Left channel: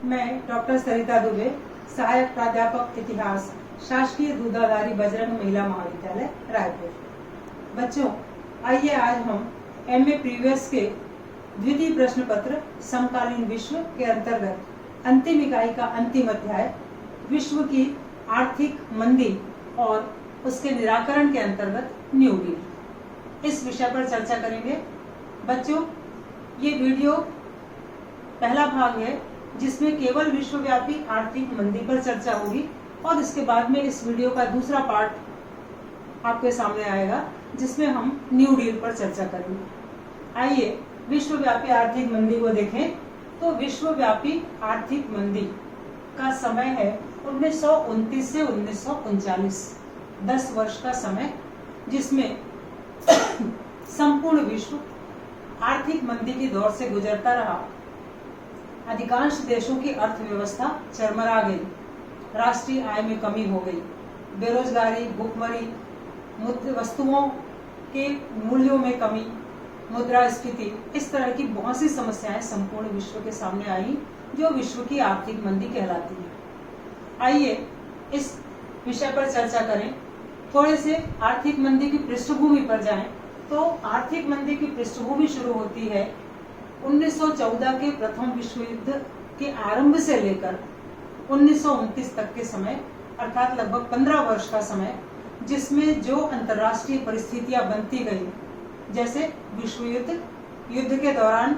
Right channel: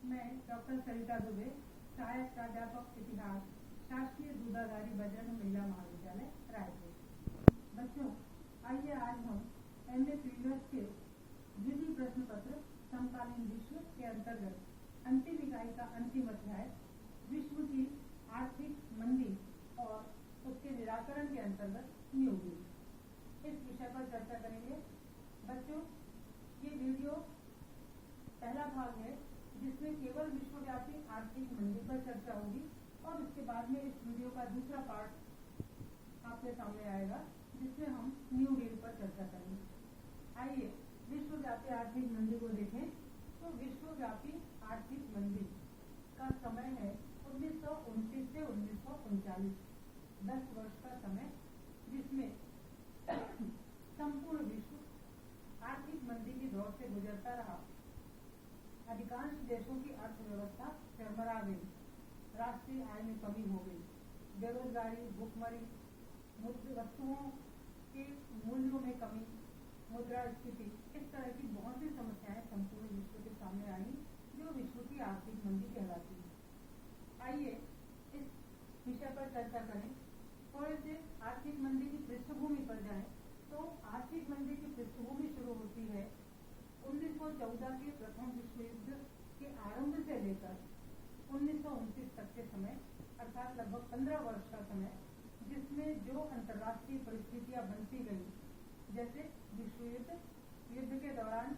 मैं डॉक्टर सरिता दुबे, सहायक प्राध्यापक इतिहास, शासकीय दूधाधारी बजरंग महिला महाविद्यालय रायपुर। बच्चों, आइए आज हम एमए प्रीवियस के द्वितीय प्रश्न पत्र समकालीन विश्व के अंतर्गत अंतिम इकाई का अंतिम अध्याय विश्व की आर्थिक मंदी और उसके निराकरण के अंतर्गत न्यू डील, इस विषय पर चर्चा करेंगे। बच्चों, ये वीडियो पहला भाग है जिसमें केवल विश्वव्यापी आर्थिक मंदी पर चर्चा होगी और इसके बाद में इस वीडियो का दूसरा पार्ट आपके सामने आएगा जिसमें हम न्यू डील पर चर्चा करेंगे। आइए विश्वव्यापी आर्थिक मंदी को देखें। तो विश्वव्यापी आर्थिक मंदी का समय है 1929 से 1939, 10 वर्ष का समय, जिसमें संपूर्ण विश्व आर्थिक मंदी के दौर से गुजरता रहा। अधिकांश देशों की अर्थव्यवस्था चरमरा गई, राष्ट्रीय आय में कमी हो गई, बेरोजगारी, भूखमरी, वस्तुओं के मूल्यों में कमी, मुद्रास्फीति, इस तरह की बहुत सी समस्याएं संपूर्ण विश्व के सामने आई जो विश्व की आर्थिक मंदी कहलाती है। आइए इस विषय पर चर्चा करें। थोड़े से आर्थिक मंदी की पृष्ठभूमि पर जाएं तो आर्थिक मंदी की पृष्ठभूमि शुरू होती है 1914 के प्रथम विश्व युद्ध के आरंभ से लेकर 1929 तक के समय, अर्थात लगभग 15 वर्ष का समय, जिसमें जो अंतर्राष्ट्रीय परिस्थितियां बनती गई, जैसे विश्व युद्ध, युद्ध के दौरान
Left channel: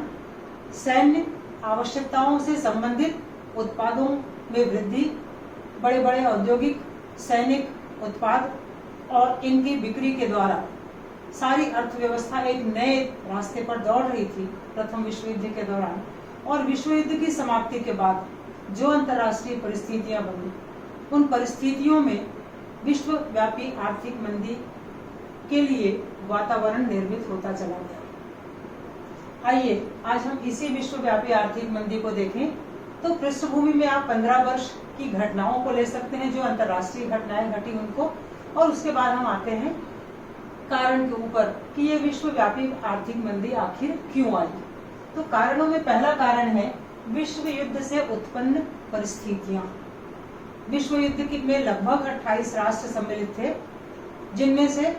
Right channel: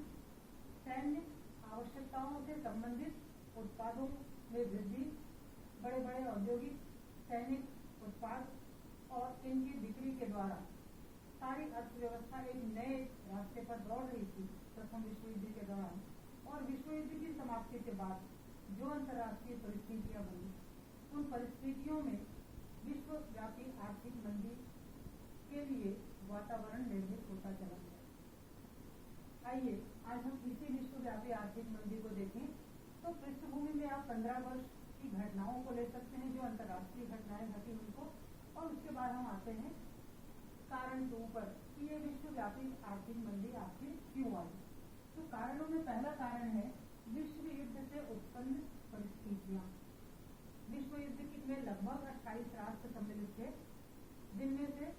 सैन्य आवश्यकताओं से संबंधित उत्पादों में वृद्धि, बड़े बड़े औद्योगिक सैनिक उत्पाद और इनकी बिक्री के द्वारा सारी अर्थव्यवस्था एक नए रास्ते पर दौड़ रही थी प्रथम विश्व युद्ध के दौरान। और विश्व युद्ध की समाप्ति के बाद जो अंतर्राष्ट्रीय परिस्थितियां बनी, उन परिस्थितियों में विश्वव्यापी आर्थिक मंदी के लिए वातावरण निर्मित होता चला गया। आइए आज हम इसी विश्वव्यापी आर्थिक मंदी को देखें। तो पृष्ठभूमि में आप 15 वर्ष की घटनाओं को ले सकते हैं, जो अंतर्राष्ट्रीय घटनाएं घटी उनको, और उसके बाद हम आते हैं कारण के ऊपर कि ये विश्वव्यापी आर्थिक मंदी आखिर क्यों आई। तो कारणों में पहला कारण है विश्व युद्ध से उत्पन्न परिस्थितियां। विश्व युद्ध में लगभग 28 राष्ट्र सम्मिलित थे, जिनमें से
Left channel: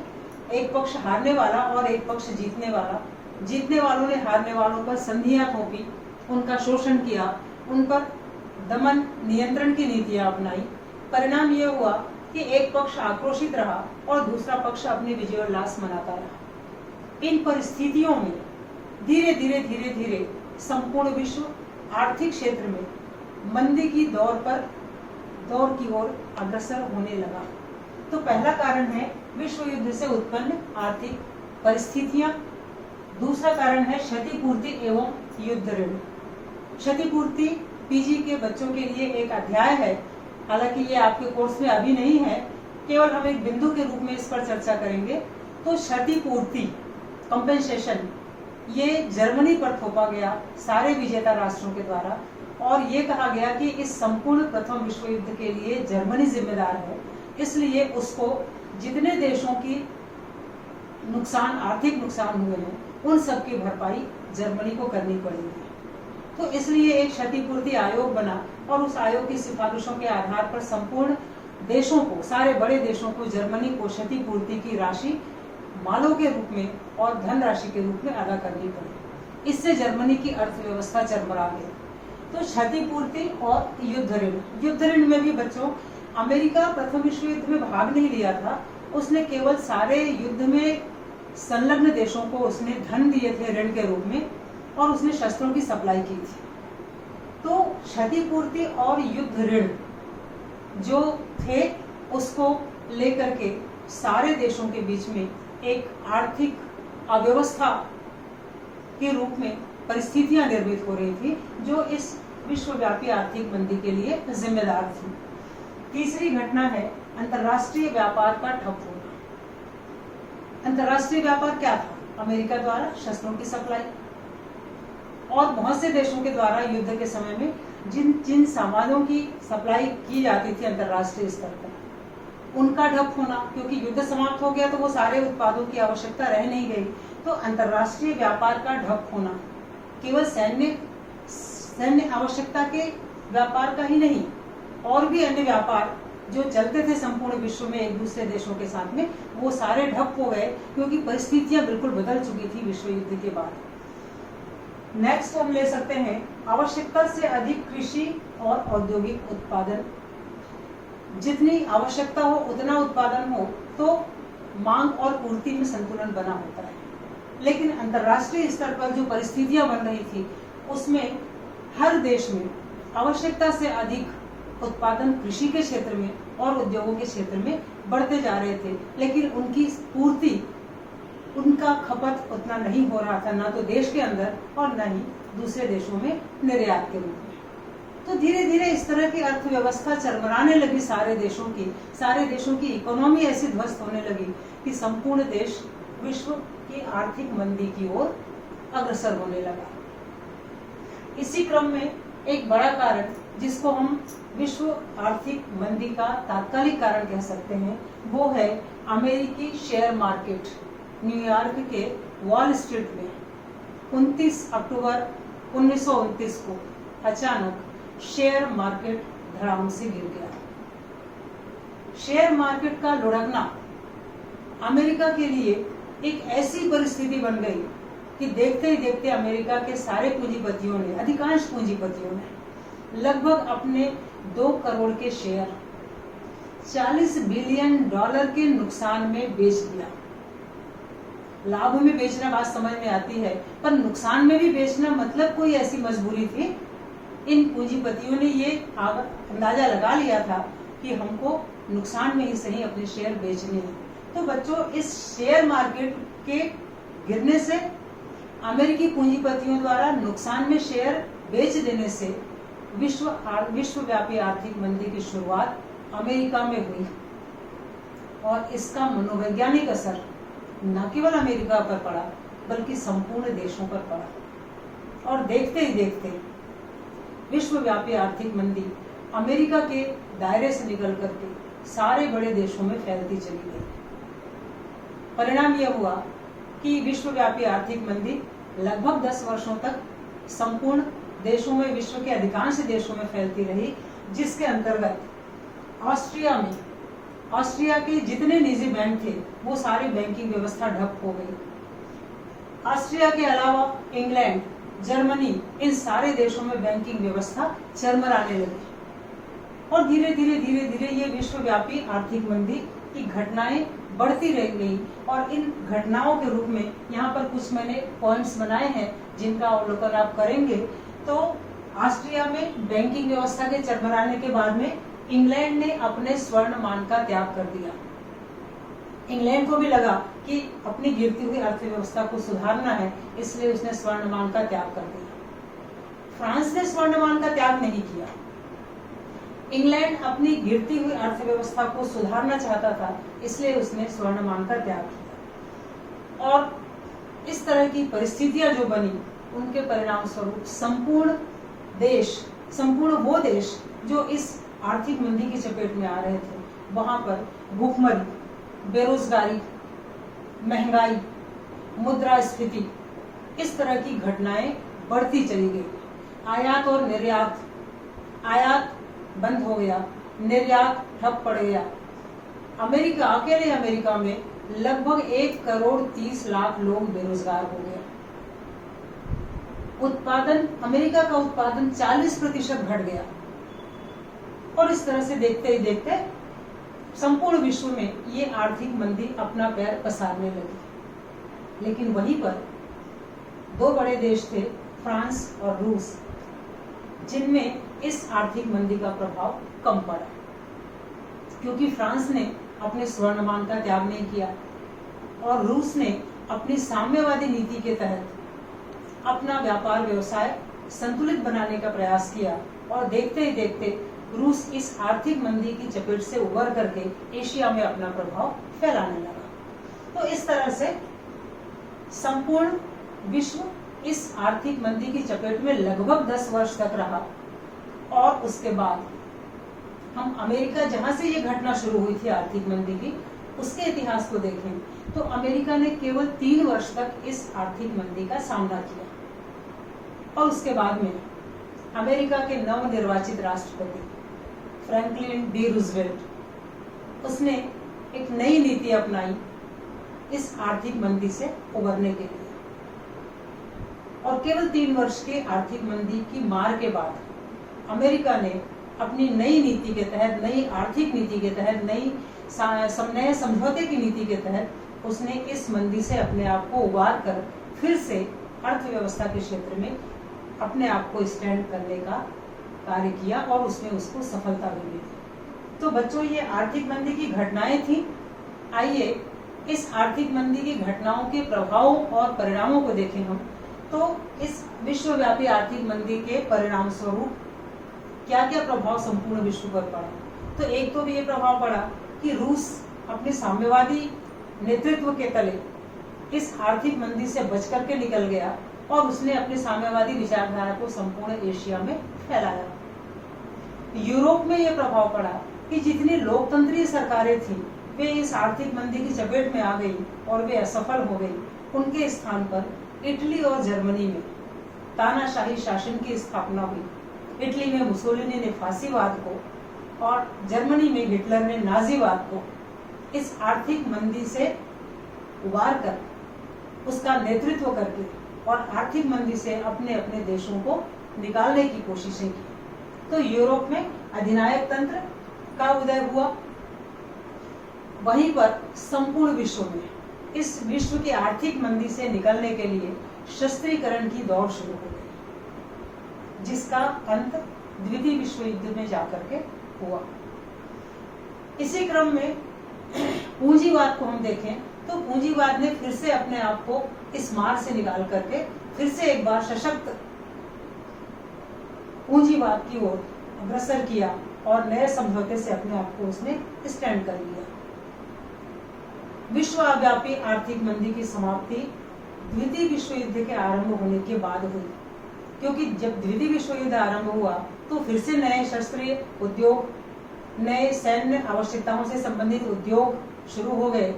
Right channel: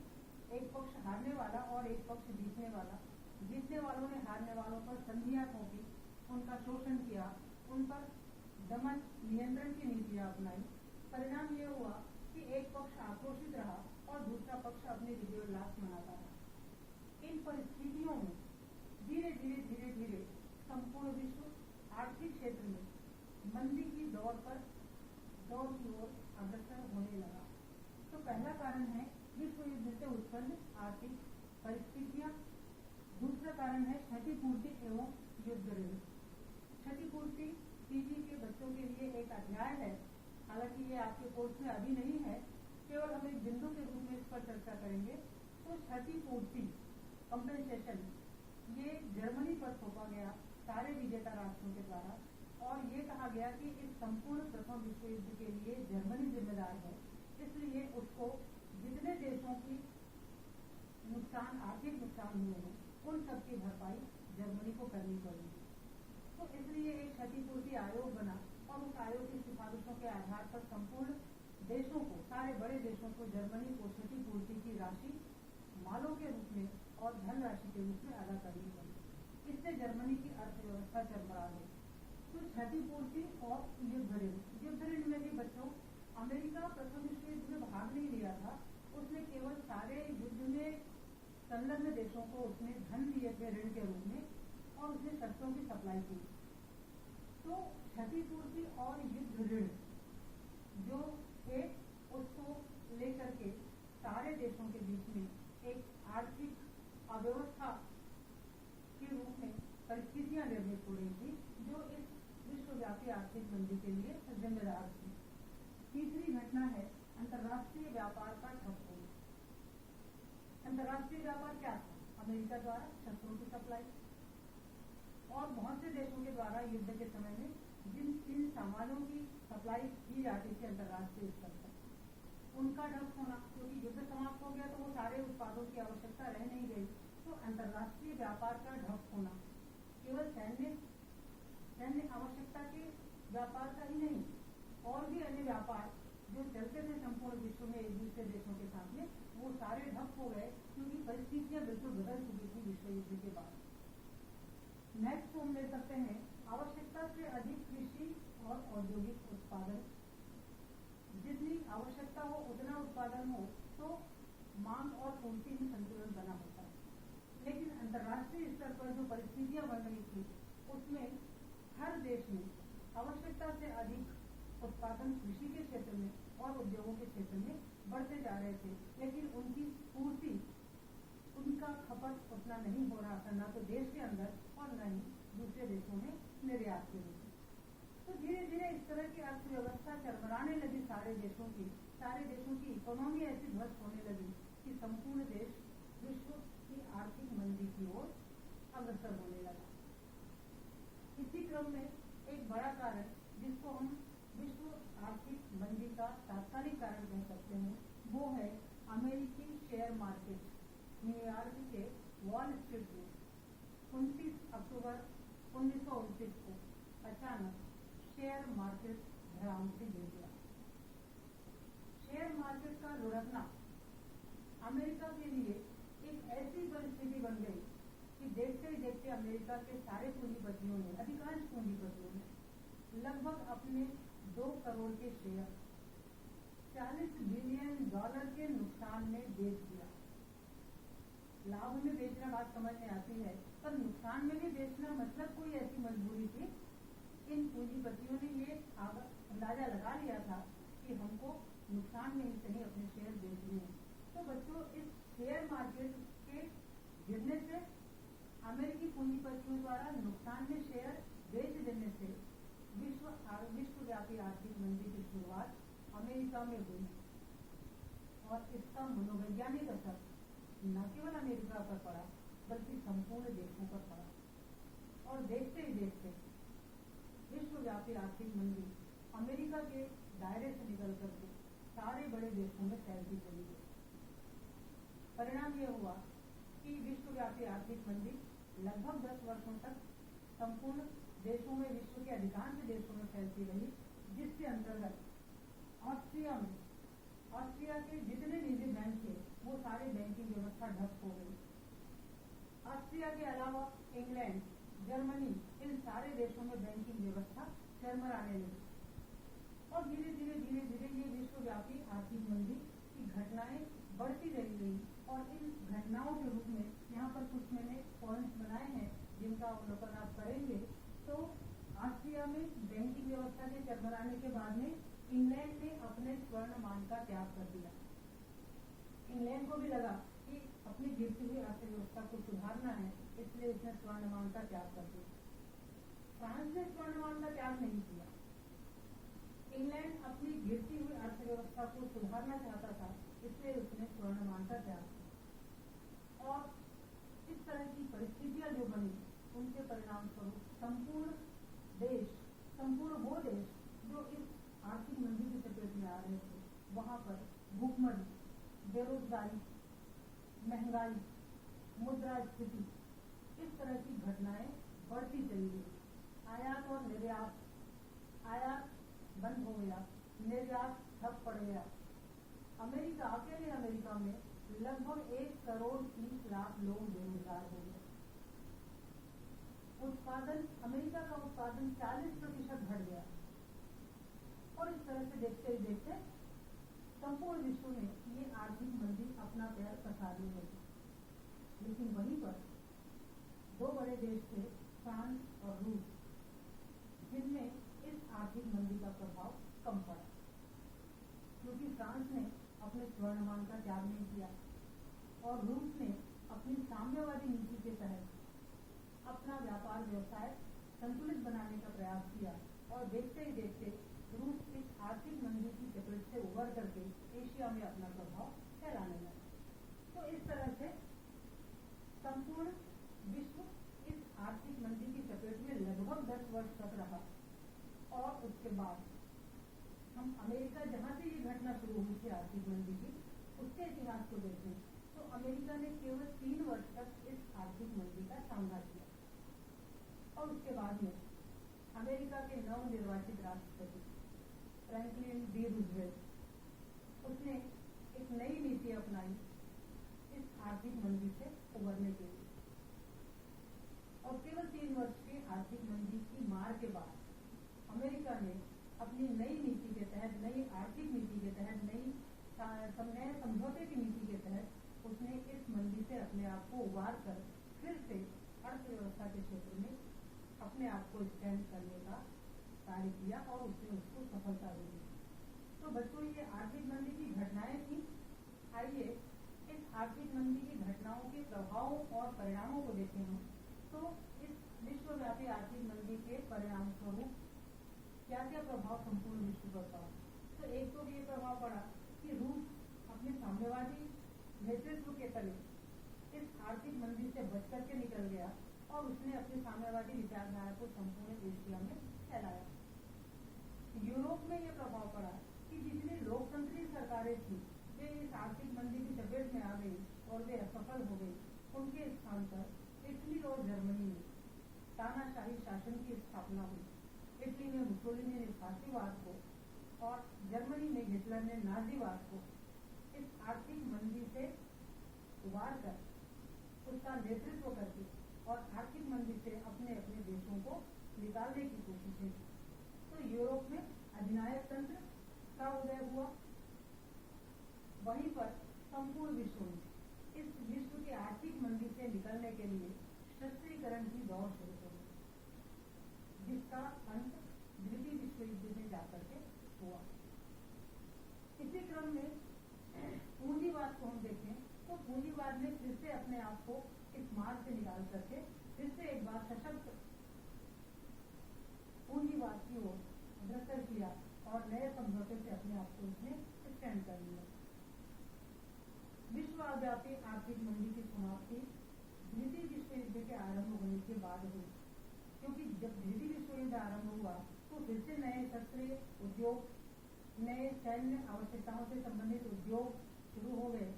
एक पक्ष हारने वाला और एक पक्ष जीतने वाला। जीतने वालों ने हारने वालों पर संधियां थोपी, उनका शोषण किया, उन पर दमन नियंत्रण की नीतियां अपनाई। परिणाम यह हुआ कि एक पक्ष आक्रोशित रहा और दूसरा पक्ष अपनी विजयोल्लास मनाता रहा। इन परिस्थितियों में धीरे धीरे संपूर्ण विश्व आर्थिक क्षेत्र में मंदी की दौर की ओर अग्रसर होने लगा। तो पहला कारण है विश्व युद्ध से उत्पन्न आर्थिक परिस्थितियां। दूसरा कारण है क्षतिपूर्ति एवं युद्ध ऋण। क्षतिपूर्ति पीजी के बच्चों के लिए एक अध्याय है, हालांकि ये आपके कोर्स में अभी नहीं है, केवल हम एक बिंदु के रूप में इस पर चर्चा करेंगे। तो क्षतिपूर्ति, कंपेंसेशन, ये जर्मनी पर थोपा गया सारे विजेता राष्ट्रों के द्वारा, और ये कहा गया कि इस संपूर्ण प्रथम विश्व युद्ध के लिए जर्मनी जिम्मेदार है, इसलिए उसको जितने देशों की आर्थिक नुकसान हुए हैं उन सब की भरपाई जर्मनी को करनी पड़ेगी। तो इसलिए एक क्षतिपूर्ति आयोग बना और उस आयोग की सिफारिशों के आधार पर संपूर्ण देशों को, सारे बड़े देशों को, जर्मनी को क्षतिपूर्ति की राशि मालों के रूप में और धनराशि के रूप में अदा करनी पड़ी। इससे जर्मनी की अर्थव्यवस्था चरमरा गई। तो क्षतिपूर्ति और युद्ध ऋण। युद्ध ऋण में भी बच्चों, अमेरिका प्रथम विश्व युद्ध में भाग नहीं लिया था, उसने केवल सारे युद्ध में संलग्न देशों को उसने धन दिए थे ऋण के रूप में, और उसने शस्त्रों की सप्लाई की थी। तो क्षतिपूर्ति और युद्ध ऋण जो थे, उसको लेकर के सारे देशों के बीच में एक आर्थिक अव्यवस्था के रूप में परिस्थितियां निर्मित हो रही थी, जो इस विश्वव्यापी आर्थिक मंदी के लिए जिम्मेदार थी। तीसरी घटना है अंतर्राष्ट्रीय व्यापार का ठप होना। अंतर्राष्ट्रीय व्यापार क्या था? अमेरिका द्वारा शस्त्रों की सप्लाई और बहुत से देशों के द्वारा युद्ध के समय में जिन सामानों की सप्लाई की जाती थी अंतर्राष्ट्रीय स्तर पर, उनका ठप होना, क्योंकि युद्ध समाप्त हो गया तो वो सारे उत्पादों की आवश्यकता रह नहीं गई। तो अंतर्राष्ट्रीय व्यापार का ठप होना केवल सैन्य सैन्य आवश्यकता के व्यापार का ही नहीं, और भी अन्य व्यापार जो चलते थे संपूर्ण विश्व में एक दूसरे देशों के साथ में, वो सारे ठप हो गए क्योंकि परिस्थितियां बिल्कुल बदल चुकी थी विश्व युद्ध के बाद। नेक्स्ट हम ले सकते हैं आवश्यकता से अधिक कृषि और औद्योगिक उत्पादन। जितनी आवश्यकता हो उतना उत्पादन हो तो मांग और पूर्ति में संतुलन बना होता है, लेकिन अंतर्राष्ट्रीय स्तर पर जो परिस्थितियां बन रही थी उसमें हर देश में आवश्यकता से अधिक उत्पादन कृषि के क्षेत्र में और उद्योगों के क्षेत्र में बढ़ते जा रहे थे, लेकिन उनकी पूर्ति, उनका खपत उतना नहीं हो रहा था, ना तो देश के अंदर और न ही दूसरे देशों में निर्यात के रूप में। तो धीरे धीरे इस तरह की अर्थव्यवस्था चरमराने लगी सारे देशों की इकोनॉमी ऐसी ध्वस्त होने लगी कि संपूर्ण देश विश्व की आर्थिक मंदी की ओर अग्रसर होने लगा। इसी क्रम में एक बड़ा कारण जिसको हम विश्व आर्थिक मंदी का तात्कालिक कारण कह सकते हैं, वो है अमेरिकी शेयर मार्केट। न्यूयॉर्क के वॉल स्ट्रीट में 29 अक्टूबर 1929 को अचानक शेयर मार्केट धड़ाम से गिर गया। शेयर मार्केट का लुढ़कना अमेरिका के लिए एक ऐसी परिस्थिति बन गई कि देखते ही देखते अमेरिका के सारे पूंजीपतियों ने, अधिकांश पूंजीपतियों ने लगभग अपने 2 करोड़ के शेयर $40 बिलियन के नुकसान में बेच दिया। लाभ में बेचना बात समझ में आती है, पर नुकसान में भी बेचना मतलब कोई ऐसी मजबूरी थी। इन पूंजीपतियों ने ये अंदाजा लगा लिया था कि हमको नुकसान में ही सही अपने शेयर बेचने हैं। तो बच्चों, इस शेयर मार्केट के गिरने से, अमेरिकी पूंजीपतियों द्वारा नुकसान में शेयर बेच देने से विश्वव्यापी आर्थिक मंदी की शुरुआत अमेरिका में हुई, और इसका मनोवैज्ञानिक असर न केवल अमेरिका पर पड़ा बल्कि संपूर्ण देशों पर पड़ा। और देखते ही देखते विश्वव्यापी आर्थिक मंदी अमेरिका के दायरे से निकल करके सारे बड़े देशों में फैलती चली गई। परिणाम यह हुआ कि विश्वव्यापी आर्थिक मंदी लगभग 10 वर्षों तक संपूर्ण देशों में, विश्व के अधिकांश देशों में फैलती रही, जिसके अंतर्गत ऑस्ट्रिया के जितने निजी बैंक थे वो सारी बैंकिंग व्यवस्था ठप हो गई। ऑस्ट्रिया के अलावा इंग्लैंड, जर्मनी, इन सारे देशों में बैंकिंग व्यवस्था चरमराने लगी, और धीरे धीरे ये विश्वव्यापी आर्थिक मंदी की घटनाएं बढ़ती रह गई। और इन घटनाओं के रूप में यहाँ पर कुछ मैंने पॉइंट्स बनाए हैं जिनका अवलोकन आप करेंगे। तो ऑस्ट्रिया में बैंकिंग व्यवस्था के चरमराने के बाद में इंग्लैंड ने अपने स्वर्णमान का त्याग कर दिया। इंग्लैंड को भी लगा कि अपनी गिरती हुई अर्थव्यवस्था को सुधारना है, इसलिए उसने स्वर्णमान का त्याग कर दिया। फ्रांस ने स्वर्णमान का त्याग नहीं किया। इंग्लैंड अपनी गिरती हुई अर्थव्यवस्था को सुधारना चाहता था, इसलिए उसने स्वर्णमान का त्याग किया। और इस तरह की परिस्थितियां जो बनी, उनके परिणाम स्वरूप संपूर्ण वो देश जो इस आर्थिक मंदी की चपेट में आ रहे थे, वहां पर भूखमरी, बेरोजगारी, महंगाई, मुद्रास्फीति, इस तरह की घटनाएं बढ़ती चली गई। आयात और निर्यात, आयात बंद हो गया, निर्यात ठप पड़ गया। अकेले अमेरिका में लगभग 1 करोड़ 30 लाख लोग बेरोजगार हो गए। अमेरिका का उत्पादन 40% घट गया। और इस तरह से देखते ही देखते संपूर्ण विश्व में ये आर्थिक मंदी अपना पैर पसारने लगी। लेकिन वहीं पर 2 बड़े देश थे, फ्रांस और रूस, जिनमें इस आर्थिक मंदी का प्रभाव कम पड़ा, क्योंकि फ्रांस ने अपने स्वर्णमान का त्याग नहीं किया और रूस ने अपनी साम्यवादी नीति के तहत अपना व्यापार व्यवसाय संतुलित बनाने का प्रयास किया। और देखते ही देखते रूस इस आर्थिक मंदी की चपेट से उबर करके एशिया में अपना प्रभाव फैलाने लगा। तो इस तरह से संपूर्ण विश्व इस आर्थिक मंदी की चपेट में लगभग 10 वर्ष तक रहा। और उसके बाद हम अमेरिका, जहां से ये घटना शुरू हुई थी आर्थिक मंदी की, उसके इतिहास को देखें तो अमेरिका ने केवल 3 वर्ष तक इस आर्थिक मंदी का सामना किया। और उसके बाद में अमेरिका के नवनिर्वाचित राष्ट्रपति फ्रैंकलिन डी रूजवेल्ट, उसने एक नई नीति अपनाई इस आर्थिक मंदी से उबरने के लिए। और केवल 3 वर्ष की आर्थिक मंदी की मार के बाद अमेरिका ने अपनी नई नीति के तहत, नई आर्थिक नीति के तहत, नए समझौते की नीति के तहत उसने इस मंदी से अपने आप को उबार कर फिर से अर्थव्यवस्था के क्षेत्र में अपने आप को स्टैंड करने का कार्य किया और उसमें उसको सफलता भी मिली। तो बच्चों, ये आर्थिक मंदी की घटनाएं थी। आइए इस आर्थिक मंदी की घटनाओं के प्रभावों और परिणामों को देखें हम। तो इस विश्वव्यापी आर्थिक मंदी के परिणाम स्वरूप क्या क्या प्रभाव संपूर्ण विश्व पर पड़ा। तो एक तो भी ये प्रभाव पड़ा कि रूस अपने साम्यवादी नेतृत्व के तले इस आर्थिक मंदी से बच करके निकल गया और उसने अपनी साम्यवादी विचारधारा को संपूर्ण एशिया में फैलाया। यूरोप में यह प्रभाव पड़ा कि जितनी लोकतंत्रीय सरकारें थी वे इस आर्थिक मंदी की चपेट में आ गई और वे असफल हो गई। उनके स्थान पर इटली और जर्मनी में तानाशाही शासन की स्थापना हुई। इटली में मुसोलिनी ने फांसीवाद को और जर्मनी में हिटलर ने नाजीवाद को इस आर्थिक मंदी से उबार कर उसका नेतृत्व करके और आर्थिक मंदी से अपने अपने देशों को निकालने की कोशिशें की। तो यूरोप में अधिनायक तंत्र का उदय हुआ। वहीं पर संपूर्ण विश्व में इस विश्व की आर्थिक मंदी से निकलने के लिए शस्त्रीकरण की दौड़ शुरू हो गई, जिसका अंत द्वितीय विश्व युद्ध में जाकर के हुआ। इसी क्रम में पूंजीवाद को हम देखें तो पूंजीवाद ने फिर से अपने आप को इस मार से निकाल करके फिर से एक बार सशक्त पूंजीवाद की ओर अग्रसर किया और नए समझौते से अपने आप को उसने स्टैंड कर लिया। विश्वव्यापी आर्थिक मंदी की समाप्ति द्वितीय विश्व युद्ध के आरंभ होने के बाद हुई, क्योंकि जब द्वितीय विश्व युद्ध आरंभ हुआ तो फिर से नए शस्त्रीय उद्योग, नए सैन्य आवश्यकताओं से संबंधित उद्योग शुरू हो गए,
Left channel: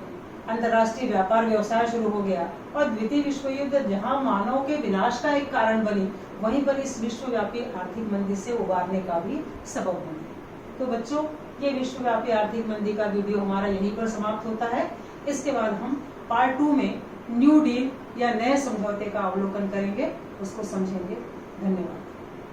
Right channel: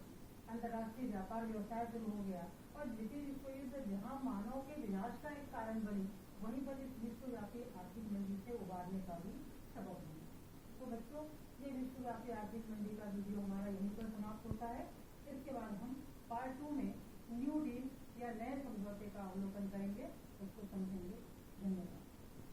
अंतर्राष्ट्रीय व्यापार व्यवसाय शुरू हो गया और द्वितीय विश्व युद्ध जहां मानव के विनाश का एक कारण बनी, वहीं पर इस विश्वव्यापी आर्थिक मंदी से उबारने का भी सबब बनी। तो बच्चों, ये विश्वव्यापी आर्थिक मंदी का वीडियो हमारा यहीं पर समाप्त होता है। इसके बाद हम पार्ट 2 में न्यू डील या नए समझौते का अवलोकन करेंगे, उसको समझेंगे। धन्यवाद।